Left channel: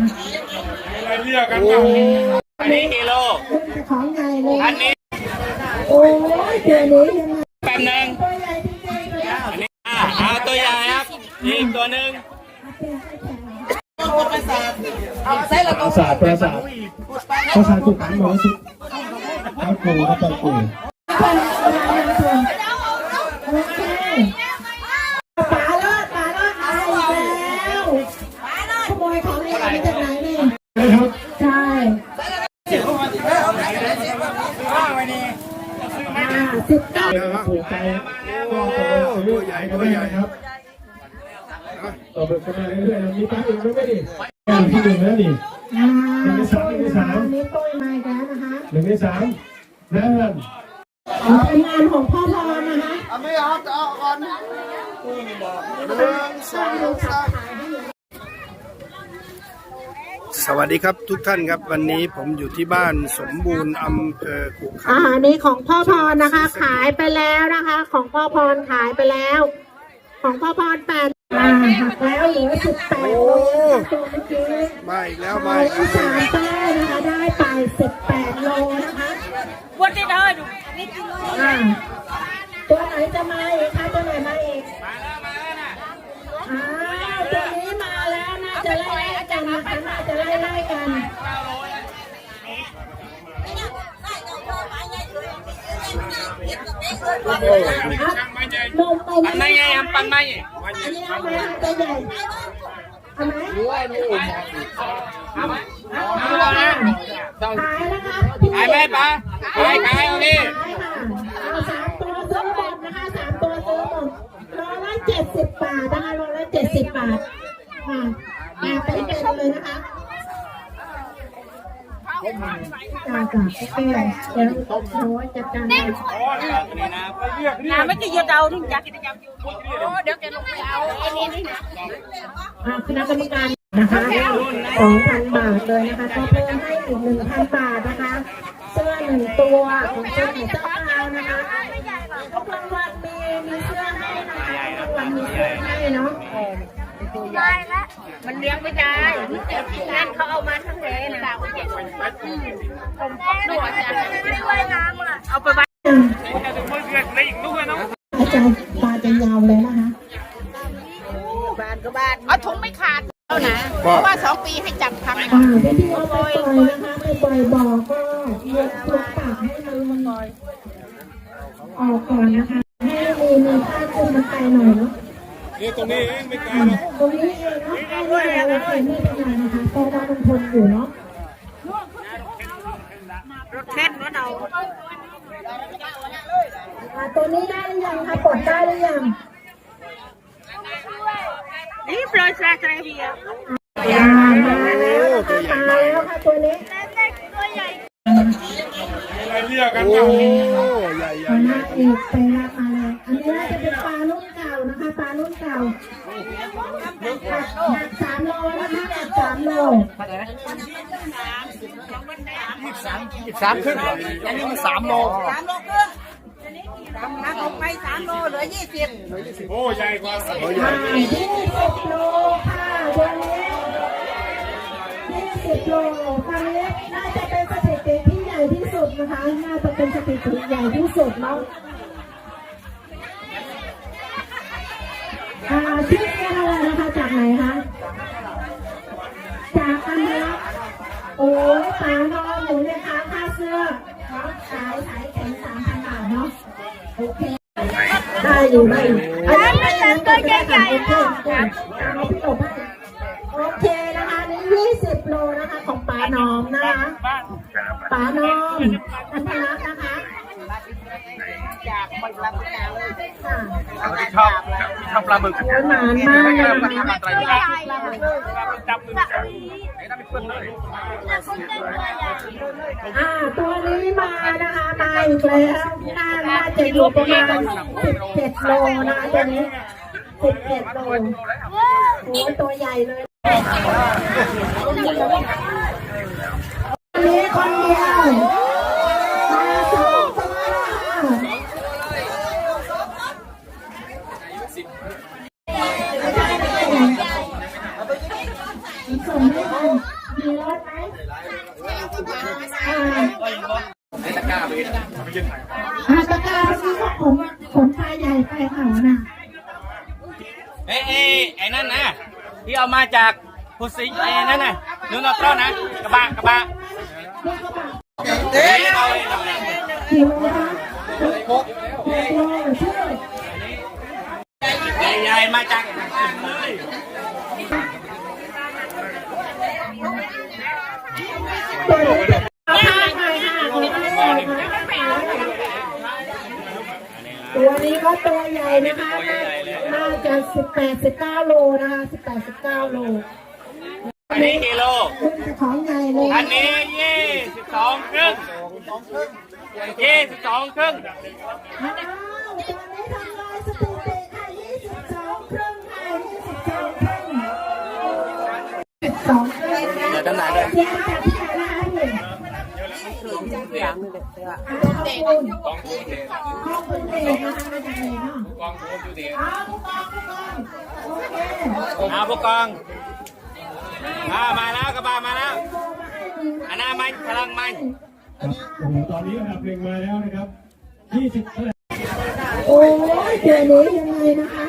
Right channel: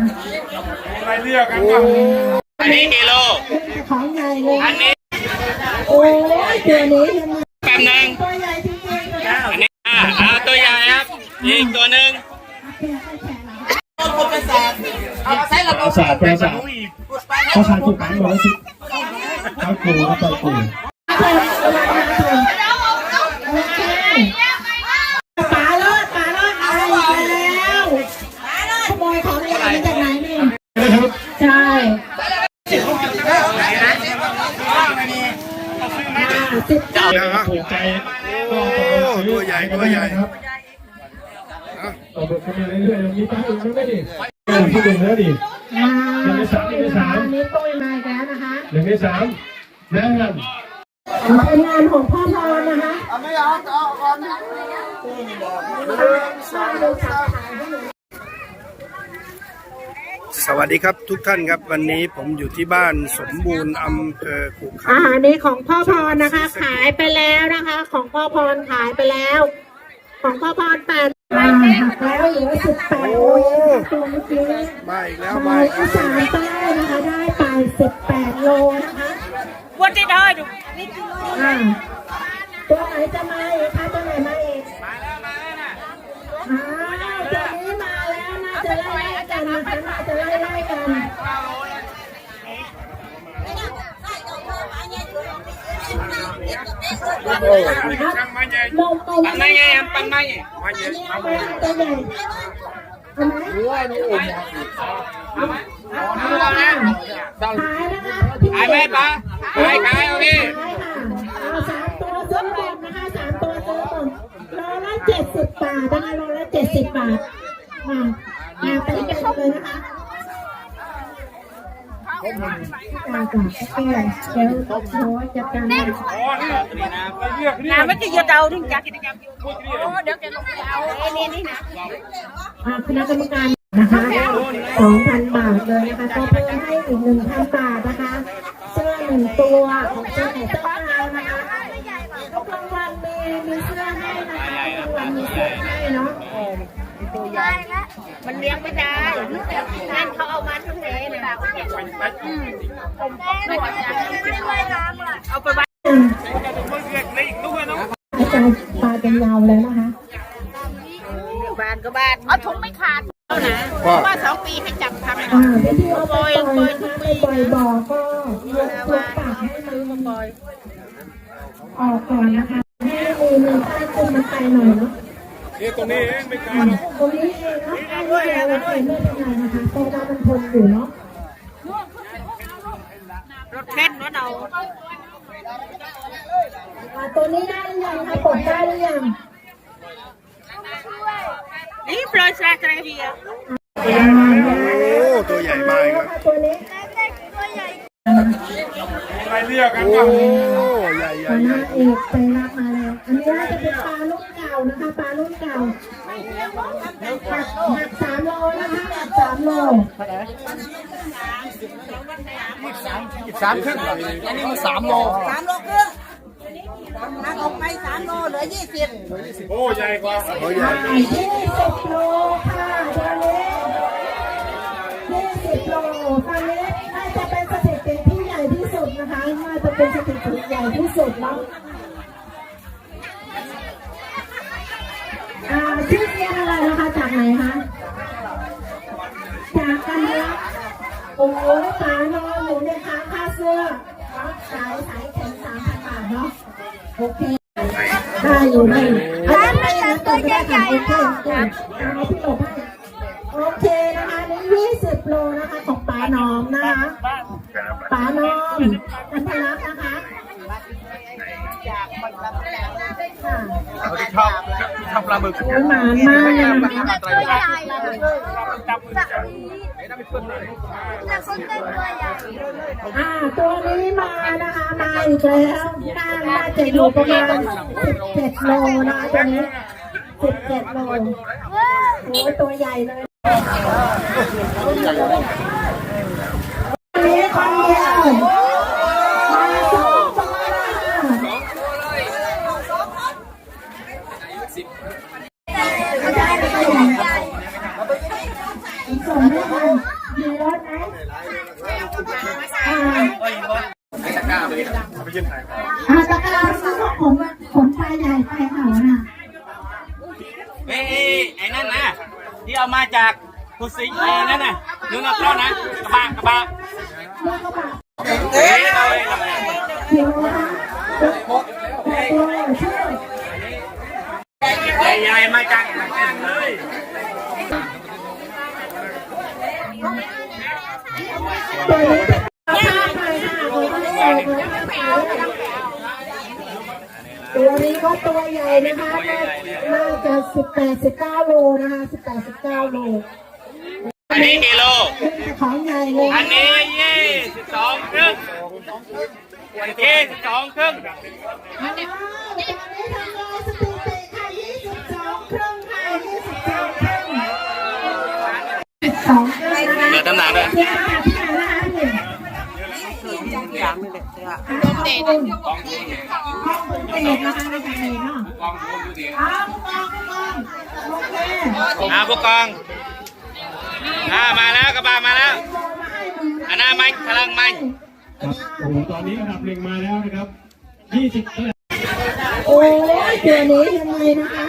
อะไรเรียกกันอ้อันนี้กิโล ของใหญ่เลยอันนี้ โอ้ยตัวนี้ยังไงแป๊บนึงตัวใหญ่จริงๆอันนี้อ่าอ่าตัวใหญ่ครับ อีกตัวหนึ่งประสาทประสาทประสาทถูกกันหมดสิข้าวกูข้าวกู ที่หนึ่งแล้วดิอ่าอันนี้ตุ้ยมาอีกแล้วนะคะหนึ่งในสามนะครับเอาเป็นงานของพ่อพรนะคะสร้างดูสับขายให้หนูสวัสดีครับทุกท่านครับวันนี้ผมอยู่ที่บ้านสมบูรณ์อำเภอขุขัอานหารนี้ของพ่อพรนะคะ ขายไปแล้วนะคะ ของพ่อพรขายไปแล้ว ของพ่อพรแปด อ่าหักแล้วเหลือสิบแปดตัวเมื่อกี้มาอีกแล้วไปมาอีกที่แล้วสามเจ้านะคะได้ไปสิบแปดโลนะคะ What did I do? อ่าตัวไหนจะมาอีกคะตัวไหนมาอีกอ่าตัวนี้มาแล้วน่าจะไล่ๆกันนะคะน่าจะไล่ๆกันช่างไม้ใหญ่มองไปปันไม่ไงครับปันไม่ไม้ใหญ่อันนี้เอาไว้ตัวใหญ่เอาไหมเอาไหมเอาเลยขายนะคะขายไหมปลาขายขายเอาดิขายค่ะเอาสามตัวซื้อหมดนะคะสามตัวซื้อหมดโลละเจ็ดสิบบาทนะคะโลละเจ็ดสิบบาท จ้าโอเคเดี๋ยวโน้ตจัดการให้ Làm mấy cái giờ đầu thì chắc cái nhập được cái này này nè. อ่าคณะกรรมการนะคะสองพันบาทเลยนะคะก็จะให้อีกหนึ่งพันบาทนะคะเสื้อหนึ่งตัวของเจ้าของเจ้าเรานะคะทุกคนวันมีมีเสื้อให้นะคะมีเสื้อให้เนาะตัวใหญ่ มันเลี้ยงไม่ได้นั่นเขาเอามาทั้งเลยนะผมไม่ได้เอาไปไว้อาจารย์ตาเป็นยาวเลยนะคะบ้านก็บ้านเอาถุงไม่ขาดแล้วนะบทำ อ่าไม่ที่เราไปปล่อยนะคะไปปล่อยบ่อก็ยกตัวปากให้มันออกก่อนนะคะ ให้มีมีผ้าคลุมมันไปหน่อยเนาะ นี่ตรงนี้เองไม่ไกล อ่าตรงนี้เองเนาะให้ ไม่เดียวโอเคไม่เป็นไรนะคะเพราะว่ามันทนอยู่เนาะ Khen nó đầu. อ่าตัวนี้ได้หรือยังคะปลดได้หรือยัง Ý rồi xa cái gì à? อ่าโอ้ตัวใหญ่มากครับตัวนี้อะไรเรียกกันโอ้กัน ใหญ่ใหญ่มาใหญ่เอกไปรับมาเลยอันนี้น่าจะเป็นปลาลูกเก่านะคะปลาลูกเก่าหนักหนักสามโลนะคะหนักสามโลสามครึ่งอันนี้มันสามโลโอ้ใหญ่กว่าตัวใหญ่ยี่สิบโล เป็นสถิติใหญ่ที่สุดแล้วอ่าชื่อเรียนอะไรนะคะจากไหนคะ จากกันนื้อโอ้ยตายนอนอยู่ในค้างค่าเสื้อาะขายขายแข็งสามพันบาทเนาะ โอเค ได้อยู่ได้อยู่ได้ไม่แต่ตัวใหญ่ๆเนาะ ทำปลาหมึกหวานมากนะคะตัวใหญ่เลยอ่าตัวนี้มานะคะมาอีกแล้วน่าน่าจะอยู่ประมาณสิบเจ็ดโลนะคะตัวนี้สิบเจ็ดโลโอ้ยตัวใหญ่เลยตัวนี้คนเดียว ไอ้ไอ้นั่นนะที่เอามาจากพุสิงห์ไอ้นั่นน่ะนึกเอาเข้านะกระบะกระบะแล้วก็แบบเฮ้ยหิวนะคะหกโลช่ใหญ่มาจากเลย นี้ก็ตัวใหญ่นะคะ น่าจะสิบแปดสิบเก้าโลนะคะสิบแปดสิบเก้าโล อันนี้กิโล ของใหญ่เลยอันนี้ยี่สิบสองครึ่งยี่สิบสองครึ่งวตอนนี้ทำลายสถิติค่ะยี่สิบสองครึ่งค่ะยี่สิบสองครึ่งสองครึ่งเดี๋ยวตำหนักด้วยที่มาจากที่ไหนนะคะพี่อย่างนี้เลยเด็กห้องคุณเด็กนะคะมาจากไหนเนาะอ้าวผู้กองผู้กองโอเคอาผู้กองอ่ามาแล้วกระบะมาแล้วอันหน้ามันพลังมันครับโอ้โหตอนนี้อันดับหนึ่งมาแล้วนะครับยี่สิบเท่าไหร่โอ้ยเดี๋ยวนี้ยังไงนะคะ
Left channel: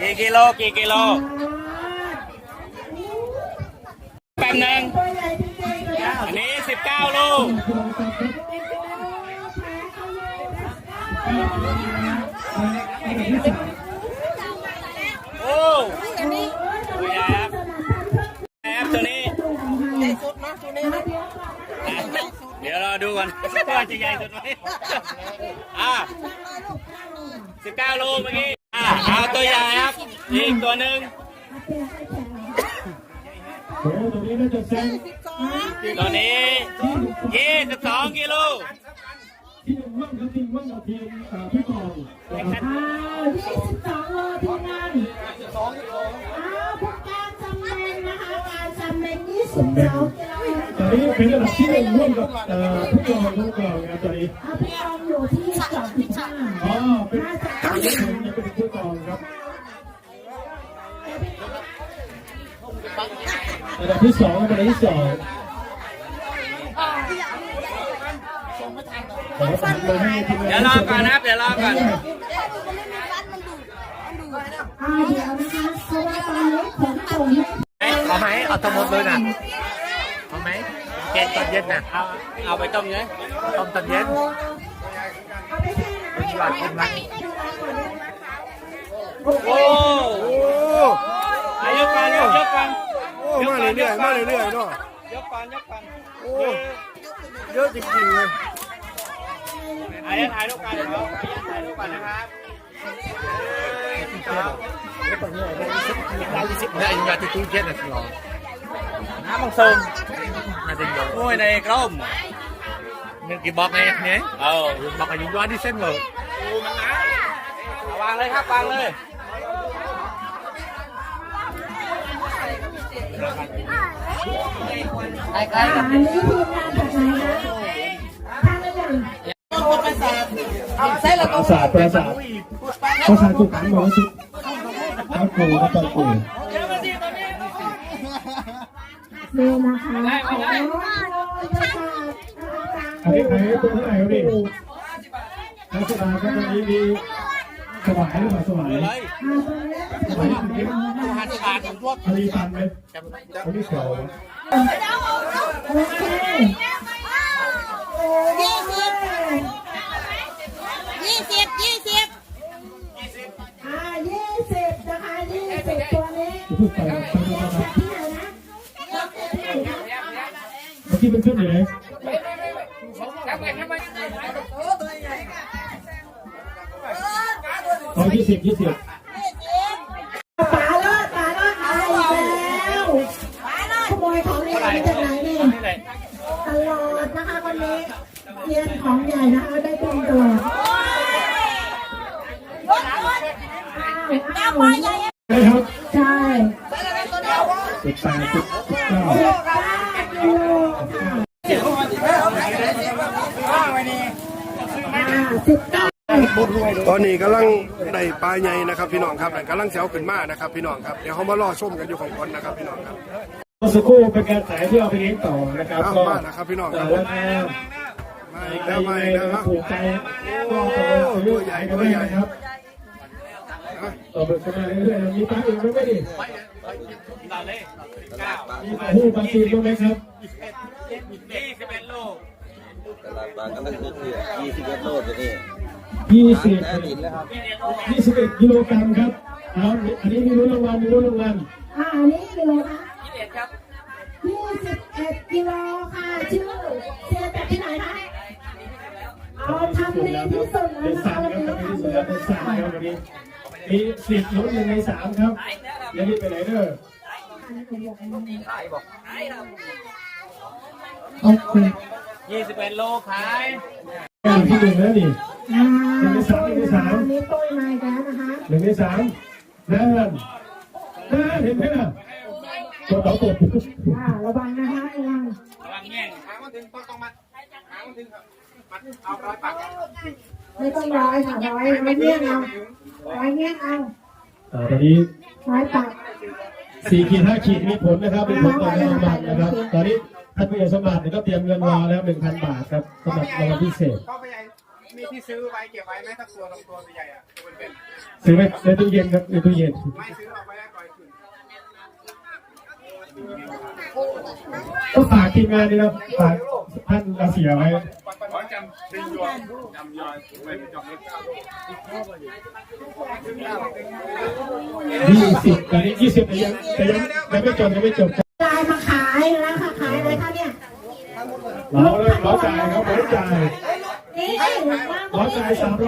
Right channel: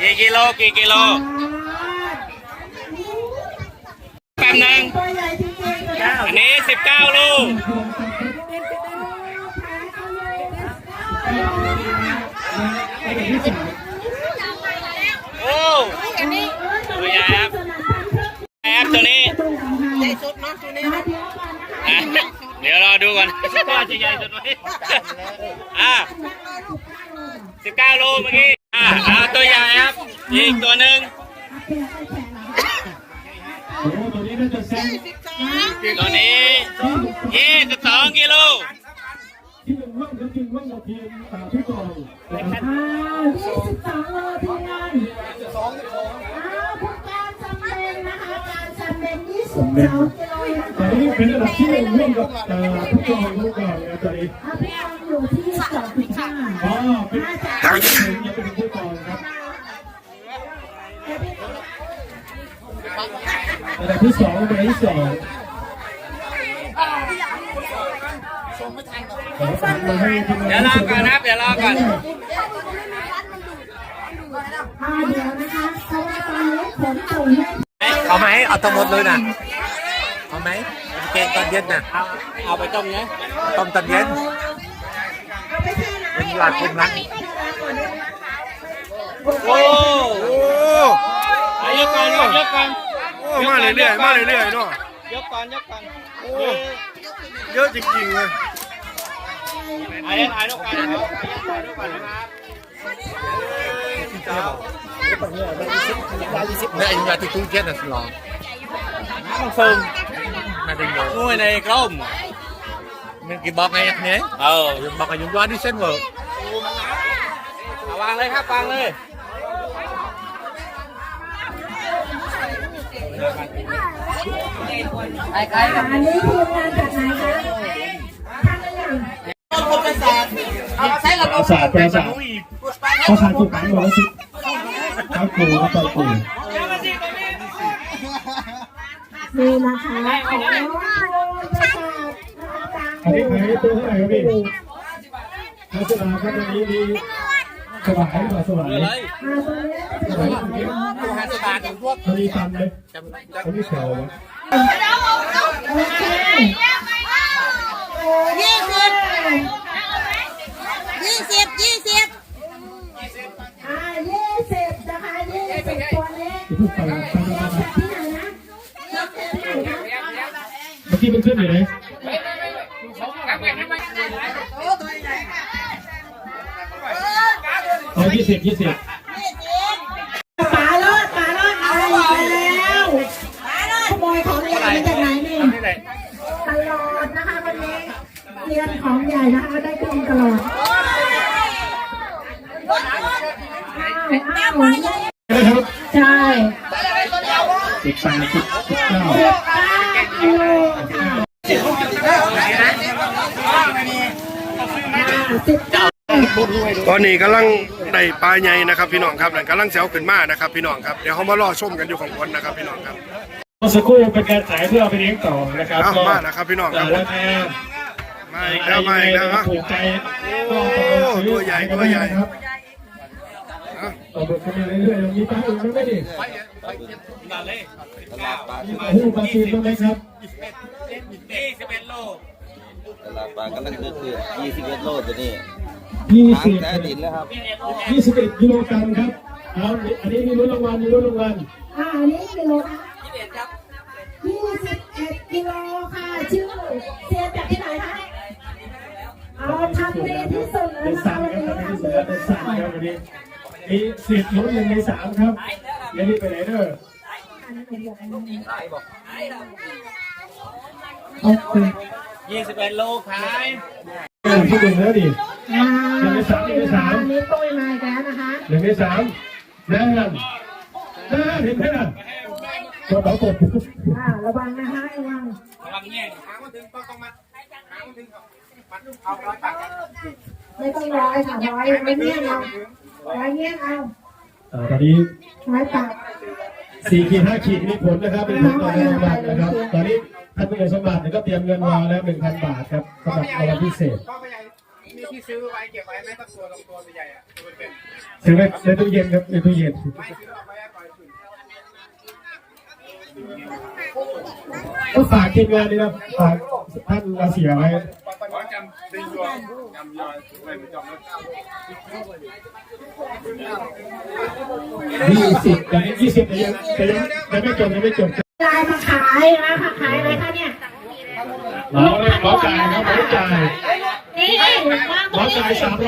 กี่กิโลกี่กิโลแป๊บนึงตัวใหญ่จริงๆเลยนะอันนี้สิบเก้าลูก โอ้ตัวใหญ่ครับแอบตัวนี้อะเดี๋ยวรอดูก่อนว่าจะใหญ่สุดไหมอะสิบเก้าโลเมื่อกี้อะเอาตัวใหญ่ครับอีกตัวหนึ่งโอ้โหตัวนี้น่าจะแซงตัวนี้ยี่สิบสองกิโล ที่หนึ่งว่างก็ จริงว่างกับทีมสามพี่กองนอ้าวยี่สิบสองโลทีมงานอ้าวผู้การจำเรงนะคะการจำเรงยี่สิบสองตอนนี้เป็นระดับที่หนึ่งร่วมกับเอ่อพี่กองลูกเรานะตอนนี้อะพี่กองอยู่ที่สองสิบห้าอ๋อเป็นทางที่หนึ่งยังเป็นพี่กองครับระดับที่สองเป็นที่สองขอฝาก เลยให้ทีมเดี๋งายวนรอที่สุดก่อนนะนะครับเดี๋ยวรอก่อนอ่าเดี๋ยวนะคะเพราะว่าตอนนี้ขนส่งให้เอาไหมเอาตัวหมดเลยนะเอาไหมเกงตอนเย็นนะเอาเอาไปต้มเนี่ยต้มตอนเย็นเป็นยอดคุณนะโอ้โอ้ยยกก่อนยกยกก่อนโอ้มาเรื่อยๆมาเรื่อยๆเนาะยกก่อนยกก่อนโอ้เยอะจริงๆเลย ถ่ายถ่ายรูปก่อนถ่ายรูปก่อนนะครับนี่อินยาที่ตุ้งเจ็ดนะสิน้องน้ำมันซึมนั่นเองโอ้ยในกล้ม những cái bọc này nhé เออ bọc này chúng ta đi sân vở โอ้มันหนาวางเลยครับวางเลยอันนี้ทีมงานจากไหนคะทางระดั บประสาทประสาทประสาทประสาทจุกขังหมดจุดครับครูครับครูนี่นะคะโอ้ยประกาศอันนี้ขายตัวเท่าไหร่ครับพี่ลักษณะครับวันนี้มีสวายหรือเปล่าสวายอ่าตัวนี้เป็นของเรานะคะทะเลฟันเลยเขาไม่แถววะโอเคยี่สิบ ยี่สิบยี่สิบอ่ายี่สิบนะคะยี่สิบตัวเล็กพูดไปครับที่ไหนนะที่ไหนนะเมื่อกี้มันขึ้นอยู่ไหนอ๋อยี่สิบยี่สิบ นะครับใช่สิบแปดสิบเก้าสิบเก้ากิโลค่ะสิบเก้าตอนนี้กำลังได้ปลาใหญ่นะครับพี่น้องครับนั่นกำลังเสียวขึ้นมานะครับพี่น้องครับเดี๋ยวเขามารอชมกันอยู่ของคนนะครับพี่น้องครับเมื่อสักครู่เป็นการขายเพื่อเอาไปเลี้ยงต่อนะครับเอาก็มานะครับพี่น้องครับราคามาอีกแล้วมาอีกแล้วฮะถูกใจก็ตกลงซื้อตัวใหญ่ตัวใหญ่ครับอะ ต่อไปกันมาเรื่อยๆเรามีปลาอื่นบ้างไหมดิมีปลาหูปลาซีนบ้างไหมครับนี่สิบเอ็ดโลบางก็นั่นก็คือ21โลตัวนี้ยี่สิบแท้ดินแล้วครับยี่สิบเอ็ดกิโลกรัมครับอันนี้มีรุ่นรางวัลมีรุ่นรางวัลอ่าอันนี้กิโลนะยี่สิบเอ็ดกิโลค่ะชื่อเชียร์จากที่ไหนคะเอาทำดีที่สุดนะคะวันครับนี้ทำสาดีเป็นสามครับวันนี้ มีสิบลุ้นหนึ่งในสามครับไม่ได้ไปไหนเด้อโอเคยี่สิบเอ็ดโลขายอย่างที่หนึ่งแล้วดิอ่าหนึ่งในสามหนึ่งในสามอันนี้ตุ้ยมาอีกแล้วนะคะหนึ่งในสามนั่นนั่นเห็นไหมล่ะกดต่อกดอ่าระวังนะคะระวังระวังแง่งไม่ต้องร้อยค่ะร้อย ไม่เงี้ยเอาร้อยเงี้ยเอาอ่าตอนนี้ร้อยตัดสี่ขีดห้าขีดมีผลนะครับเป็นผลต่อการสมัครนะครับ ตอนนี้ท่านผู้ใหญ่สมัครเนี่ยก็เตรียมเงินวางแล้วหนึ่งพันบาทครับสำหรับรางวัลพิเศษพ่อพยายมีที่ซื้อไว้เก็บไว้ไหมสักตัวสองตัวใหญ่ๆอะตัวเป็นซื้อไว้ในตู้เย็นครับในตู้เย็นๆไม่ซื้อเอาไว้ให้ปล่อยคืนก็ฝากทีมงานนี่นะฝากท่านอาเสียไว้ร้อยจำ ดึงยอนจำยอนไว้ปจำเลยยี่สิบตอนนี้ยี่สิบยังยังยังไม่จบยังไม่จบยายมาขายนะค่ะขายเลยค่ะเนี่ยเราเลยขอจ่ายครับหมอจ่ายนี่ขอจ่ายสามร้อย